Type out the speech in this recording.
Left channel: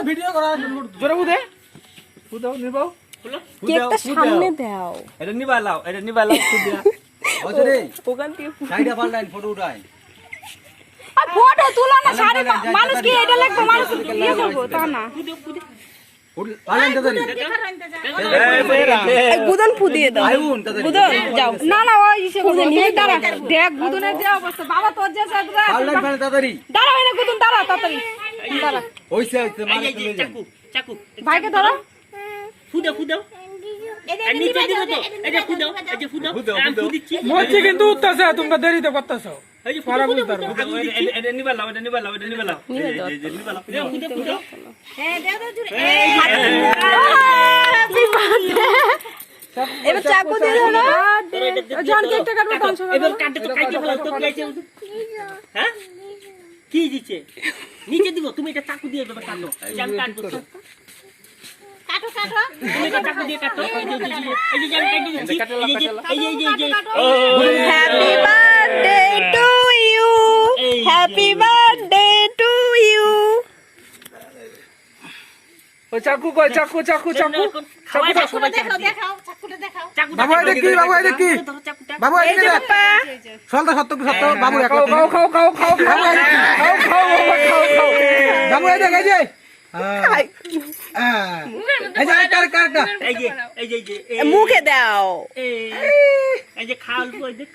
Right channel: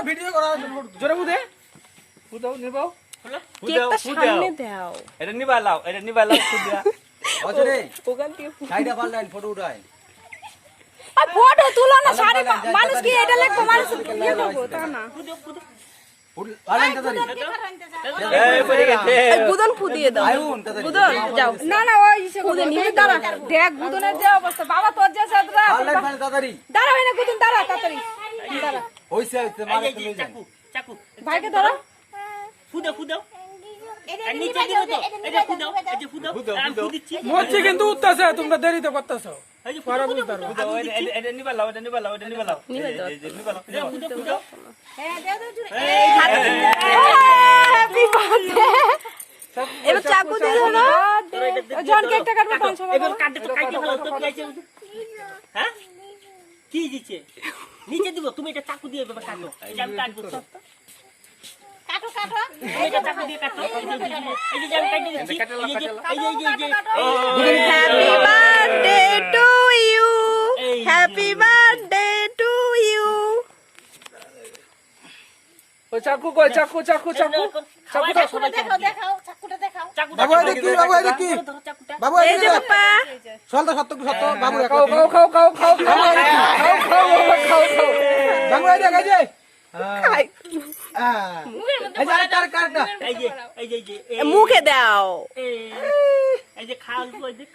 তো ভিডিও করা জোরে বুদে বুদাও নিবাও কেকটা সামনে দাও এটা নিবা লাও খুদিয়া ওতে রে ওখান থেকে সাইডে পাল্টাইন ফটো উঠাই ফটো তুলো না সারি মানুষ কি এটা লাগবে মানুষ ইয়ে করবো তা না পালাইন তাড়াতাড়ি এই বুদন ফুদিয়ে দাও আইউন তাড়াতাড়ি বুদন যাও না না ওই ইসে করবো তুমি দাঁড়া দেখ বুদনের যে অবস্থা বাবা তোর যে পালাইন পালাইন তাড়াতাড়ি দাঁড়া হয় না বুদন দাঁড়া তাড়াতাড়ি দাঁড়া ওইসে মানে এই যে চাকু ভাইকে ধরো ফুদাও এই নিচে দিও তো এই যে ফুদাও আমি ফুদিচ্ছি মরছি কিন্তু উঠতেছে তোমরা দেরিতে করতেছো এই যে ফুদাও এটা নিবা লাও এই যে নিবা লাও ফুদাও হ্যাঁ দাও হ্যাপি বার্থডে এবার চাকু দিয়ে ধরো জন কেকটা কাটবো ধ্বংস করো এবার কাটতে তো কাটতে ভালো তো গাইছে হ্যাঁ কি দিছে নিচে দিব তুমি এটা চাকু দিয়ে এভাবে কাটো জাম কাটবো কাটো তুমি এটা চাকু দিয়ে কাটো এই যে জাম কাটতে দিচ্ছি এই যে happy birthday to you happy birthday to you ও চাকু কই চাকু খাওয়াটা সবাই দেখাও চাকুটা দেখাও বাবু এটা কি বাবু এটা কি বাবু এই যে পাপা সলটা সত্য বাবু খাও বাবু এটা গাজে খাই এই যে কারটা এই যে মুখে দাও এই যে খাওয়াল কই দেখ